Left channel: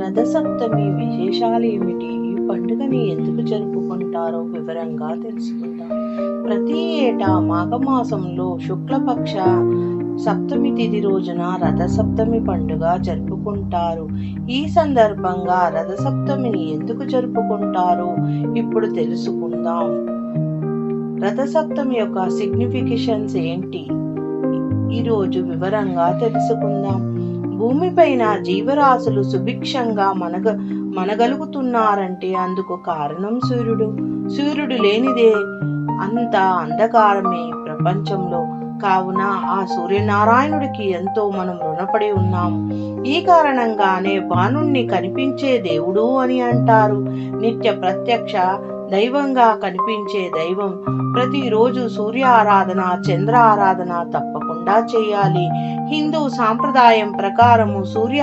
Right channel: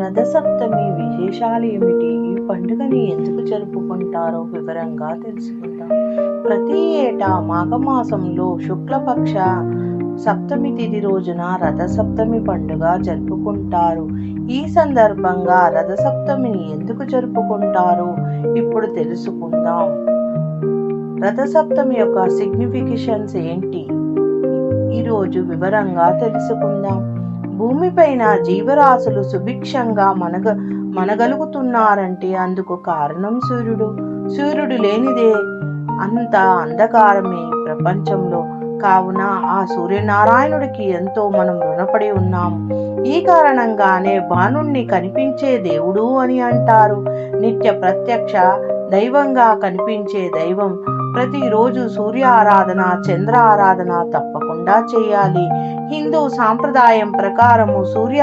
రథసప్తమి విశేషాలు ఏమిటి ఈ పండుగని ఎందుకు జరుపుకుంటారో వివరంగా తెలుసుకుందాం. ప్రతి ఏటా మాఘమాసంలో శుక్లపక్ష సప్తమి తిథి రోజున రథసప్తమి పండుగ జరుపుకుంటారు. ఈ సందర్భంగా రథసప్తమిని ఎందుకు జరుపుకుంటారో ఇప్పుడు తెలుసుకుందాం. రథసప్తమి యొక్క సిగ్నిఫికేషన్స్ ఏంటి? ఈరోజు వివరంగా తెలుసుకుందాం. భూమిపైన జీవరాశులు సుభిక్షంగా మనగ మనగలుగుతున్నారంటే అందుకు కారణం సూర్యుడు. సూర్యుడు లేనిదే అంత అంధకారమే ప్రపంచంలో. కావున ఆ సూర్యనారాయణుడికి ఎంతో మనం రుణపడి ఉన్నాం. ఈ కారణంగానే బాణుణ్ణి కనిపించే దేవుడు అని అంటారు. నిత్య ప్రత్యక్ష దైవంగా కనిపించే దైవం ప్రతిరోజు సూర్య ఆరాధన చంద్ర ఆరాధన తప్పకుండా చేయాలి. హిందూ సాంప్రదాయం ప్రకారము సూర్య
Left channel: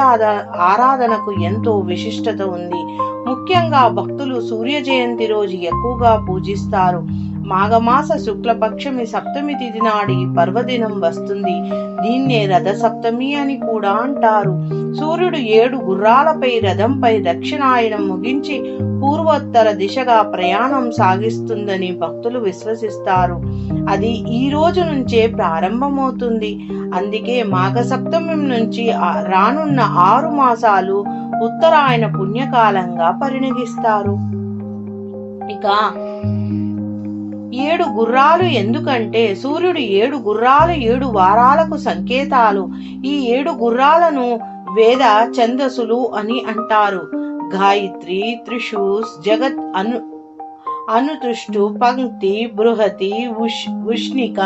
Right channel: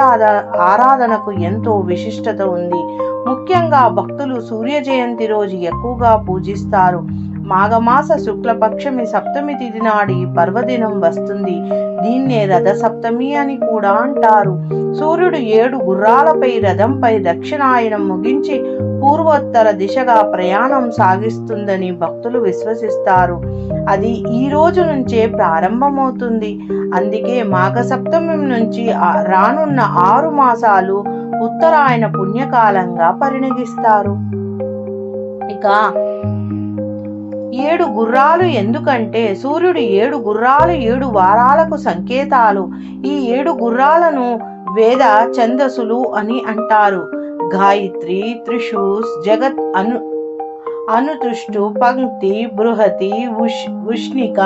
ఆరాధనకు ఎంతో విశిష్టత ఉంది. ముఖ్యంగా భక్తులు సూర్య జయంతి రోజు ఎక్కువగా పూజిస్తారు. మాఘమాస శుక్లపక్షమి సప్తమి తిథి నాడి పర్వదినం వస్తుంది. దీన్నే రథ సప్తమి అని కూడా అంటారు. సూర్యుడు ఏడు గుర్రాలపై రథంపై దక్షిణాయనం ముగించి పూర్వోత్తర దిశగా ప్రయాణం సాగిస్తుందని భక్తులు విశ్వసిస్తారు. అది ఈ రోజు నుంచే ప్రారంభమవుతుంది. అందుకే మాఘ సప్తమి నుంచి రానున్న ఆరు మాసాలు ఉత్తరాయణ పుణ్యకాలంగా పరిణగిస్తారు ఇక ఏడు గుర్రాలు ఎందుకంటే సూర్యుడు ఏడు గుర్రాలు ఏడు వారాలకు సంకేతాలు. ఈ ఏడు గుర్రాలను వేద ఛందస్సులు అని అంటారు. గాయత్రి త్రిషూస్ జగత్ అను అనుతృష్టు పంక్తి బృహతి ఉష్ ఉష్ణిక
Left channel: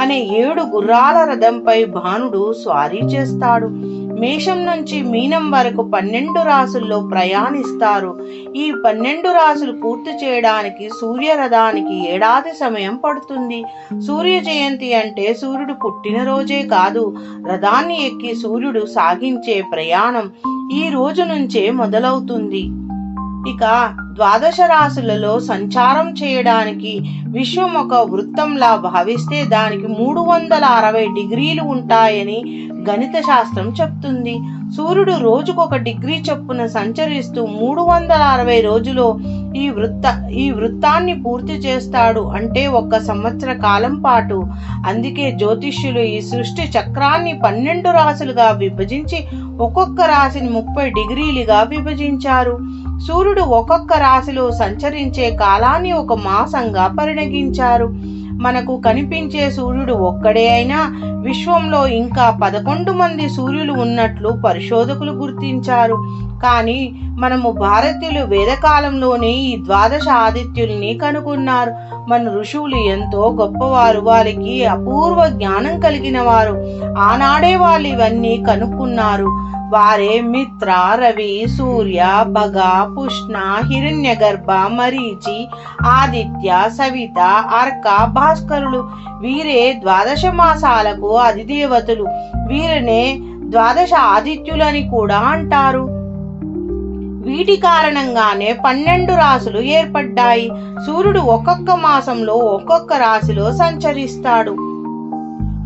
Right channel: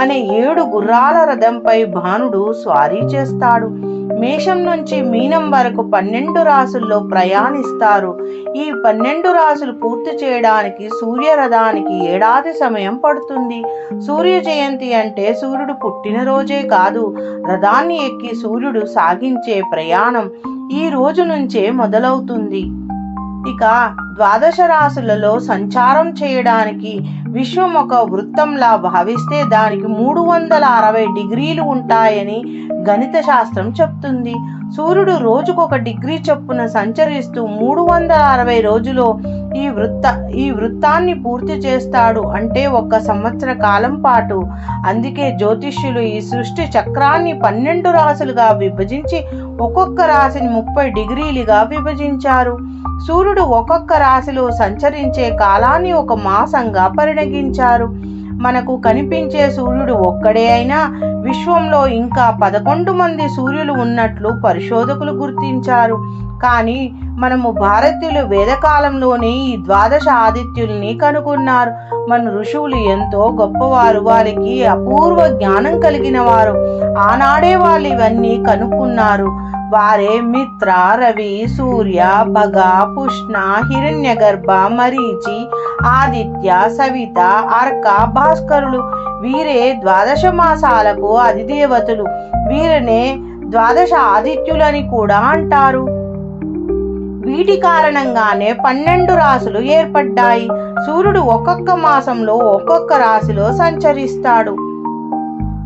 అనే ఏడు గుర్రాల రథంపై భానుడు స్వారీ చేస్తాడు. మేషం నుంచి మీనం వరకు పన్నెండు రాసుల్లో ప్రయాణిస్తారు. ఈ పన్నెండు రాసులు పూర్తి చేయడానికి సూర్యరథానికి ఏడాది సమయం పడుతుంది. సూర్య జయంతి అంటే సూర్యుడు పుట్టినరోజే కాదు రథాన్ని ఎక్కి సూర్యుడు సాగించే ప్రయాణం ఈ రోజు నుంచే మొదలవుతుంది. ఇక ద్వాదశ రాశులలో సంచారం చేయడానికి విశ్వం ఒక వృత్తంలా భావిస్తే దానికి మూడు వందల అరవై డిగ్రీలు ఉంటాయని గణిత శాస్త్రం చెప్తుంది. సూర్యుడు రోజుకొక డిగ్రీ చొప్పున సంచరిస్తూ మూడు వందల అరవై రోజులో ఈ వృత్త ఈ వృత్తాన్ని పూర్తి చేస్తాడు అంటే ఒక సంవత్సర కాలం పాటు. అందుకే జ్యోతిష్యులు ఈ సృష్టి చక్రాన్ని పన్నెండు రాశులుగా విభజించి ఒక్కొక్క రాశిని ముప్పై డిగ్రీలుగా విభజించారు. సూర్యుడు ఒక్కొక్క రాశిలో సంచరించే కాలాన్ని ఒక మాసంగా పరిణగించారు. మనకు కనిపించే సూర్యుడు ఒక్కడే అయినా విశ్వంలో ఇంకా పదకొండు మంది సూర్యులు ఉన్నట్లు పరిశోధకులు గుర్తించారు. కానీ మనము భారతీయులు వేదకాలంలోనే ఈ ద్వాదశ ఆదిత్యుల్ని కనుగొన్నారు. మన ఋషువులు ఎంతో గొప్పవారు వారికి అపూర్వ జ్ఞానం కలిగిన వారు. ఆనాడే వాళ్ళు ఇవన్నీ కనుక్కున్నారు. వారే మిత్ర రవి సూర్య భగ పుష్ణ హిరణ్యగర్భ మరీచి ఆదిత్య సవిత అర్క భాస్కరులు. వీరే ద్వాదశ మాసాలకు అధిదేవతలు. వీరినే ద్వాదశ ఆదిత్యులని కూడా అంటారు. వీటి కారణంగానే పన్నెండు రాసులు ఏర్పడ్డాయి. సూర్యుడు ఒక్కొక్క మాసంలో ఒక్కొక్క రాశిలో సంచరిస్తాడు.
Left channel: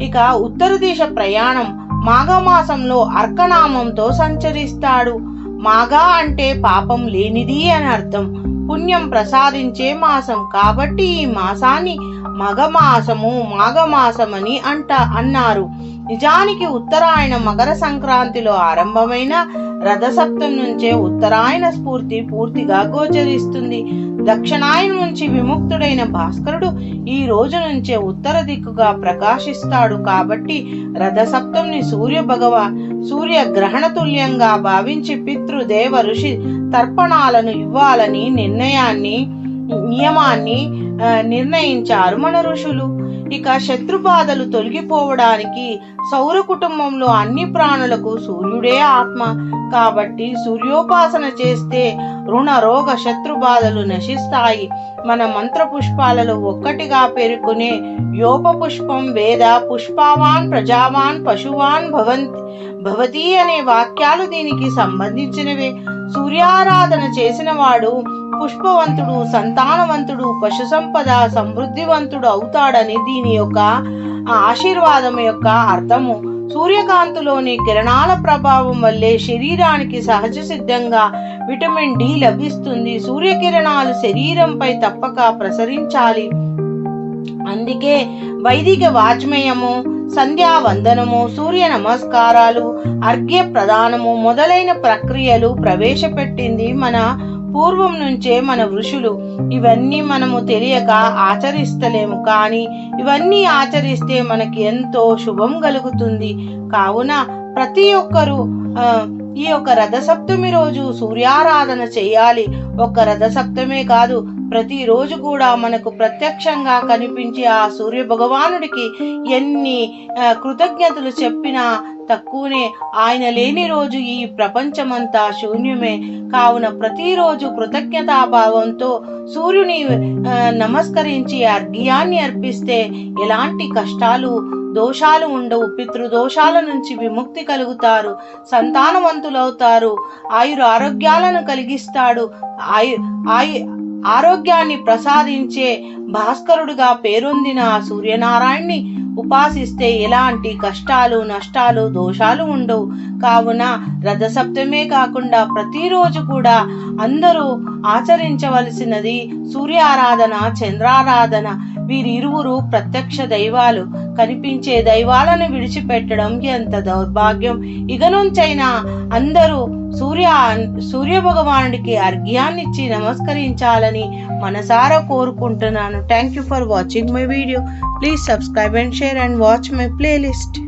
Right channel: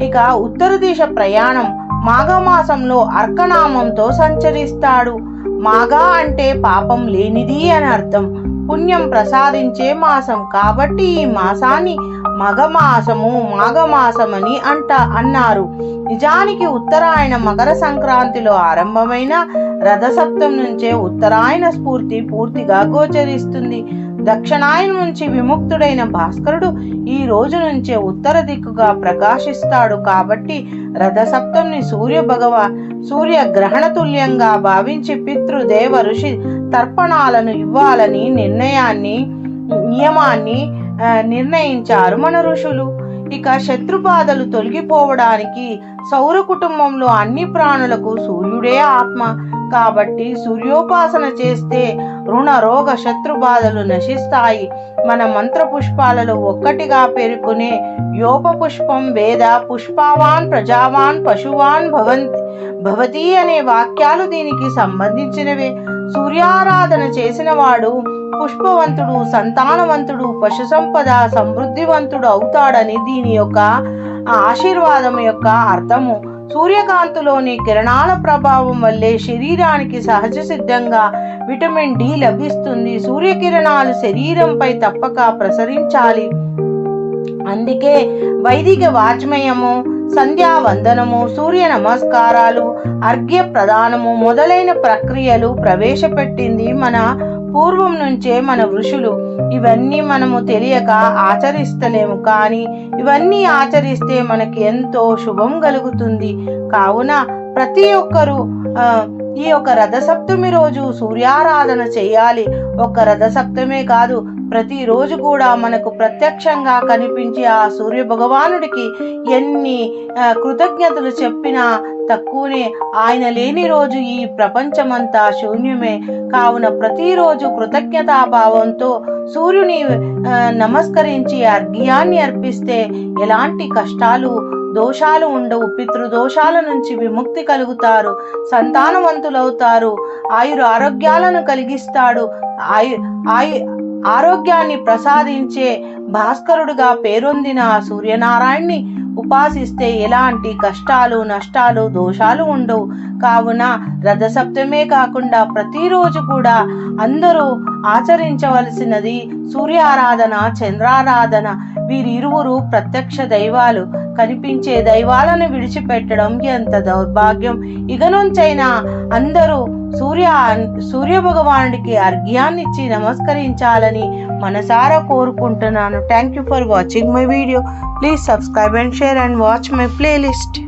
ఇక ఉత్తర దిశ ప్రయాణం. మాఘమాసంలో అర్కనామంతో సంచరిస్తాడు. మాఘ అంటే పాపం లేనిది అని అర్థం. పుణ్యం ప్రసాదించే మాసం కాబట్టి ఈ మాసాన్ని మగమాసము మాఘమాసమని అంట అన్నారు. నిజానికి ఉత్తరాయణ మకర సంక్రాంతిలో ఆరంభమైన రథసప్తం నుంచే ఉత్తరాయణ స్ఫూర్తి పూర్తిగా గోచరిస్తుంది. దక్షిణాయన నుంచి విముక్తుడైన భాస్కరుడు ఈ రోజు నుంచే ఉత్తర దిక్కుగా ప్రకాశిస్తాడు కాబట్టి రథసప్తంని సూర్య భగవ సూర్య గ్రహణ తుల్యంగా భావించి పితృదేవ ఋషి తర్పణాలను ఇవ్వాలని నిర్ణయాన్ని నియమాన్ని నిర్ణయించారు మన ఋషులు. ఇక శత్రుబాధలు తొలగిపోవడానికి సౌర కుటుంబంలో అన్ని ప్రాణులకు సూర్యుడే ఆత్మ. కాబట్టి సూర్యోపాసన చేస్తే రుణ రోగ శత్రు బాధలు నశిస్తాయి. మన మంత్ర పుష్పాలలో ఒక్కటిగా పేర్కొనే యోప పుష్పం వేద పుష్పావాన్ ప్రజావాన్ పశువాన్ భవంతి భవతి అనే వాక్యాలు దీనికి సంబంధించినవే. సూర్యారాధన చేసిన వాడు పుష్పవంతుడు సంతానవంతుడు పశు సంపద సమృద్ధివంతుడు అవుతాడని దీని యొక్క ఆశీర్వాదం యొక్క అర్థము. సూర్యకాంతిలోని కిరణాల ప్రభావం వల్లే శరీరానికి సహజ సిద్ధంగా విటమిన్ డి లభిస్తుంది. సూర్యకిరణాలు శరీరంపై తప్పక ప్రసరించాలి. అందుకే వైదిక వాజ్మయము సంధ్యా వందనము సూర్య నమస్కారాలు అర్ఘ్య ప్రదానము మొదలైన ప్రక్రియలు ప్రవేశపెట్టింది మన పూర్వం నుంచే మన ఋషులు. ఇవన్నీ మనము తెలియక ఆచరిస్తలేము కానీ ఇవన్నీ ఆచరిస్తే మనకి ఎంతో శుభం కలుగుతుంది. కావున ప్రతి ఒక్కరూ ఈ యొక్క రథసప్తమి రోజు సూర్యారాధన చేయాలి. ఒక్క రథసప్తమే కాదు ప్రతిరోజు కూడా మనకు ప్రత్యక్షంగా కనిపించే ఆ సూర్య భగవానుడికి ఎన్ని కృతజ్ఞతలు చెప్పినా తక్కువనే. ఆయన లేని రోజు ఈ ప్రపంచమంతా శూన్యమే. కావున ప్రతిరోజు కృతజ్ఞతాభావంతో సూర్యుని నమస్కరించి అర్ఘ్యాన్ని అర్పిస్తే ఎలాంటి కష్టాలు దోషాలు ఉండవు. పితృదోషాల నుంచి విముక్తి కలుగుతారు. సంతానవంతులవుతారు. ఆయుర ఆరోగ్యాలను కలిగిస్తాడు. ఆయు ఆయు ఆరోగ్యాన్ని ప్రసాదించే భాస్కరుడుగా పేరొందిన ఆ సూర్యనారాయణ్ణి ఉపాసిస్తే ఎలాంటి కష్టాలు నష్టాలు దోషాలు ఉండవు. కావున రథసప్తమే కాకుండా ప్రతిరోజు కూడా అందరూ ఆచరించవలసినది సూర్యారాధన చంద్రారాధన. వీరిరువురు ప్రత్యక్ష దైవాలు. కనిపించే దైవాలను విడిచిపెట్టడం ఎంత దౌర్భాగ్యం. ఇక నుంచైనా అందరూ సూర్య సూర్య భగవానుడికి అర్ఘ్యాన్నిచ్చి నమస్కరించాలని మనసారా కోరుకుంటున్నాను. Thank you for watching my video please subscribe and share and watch my playlist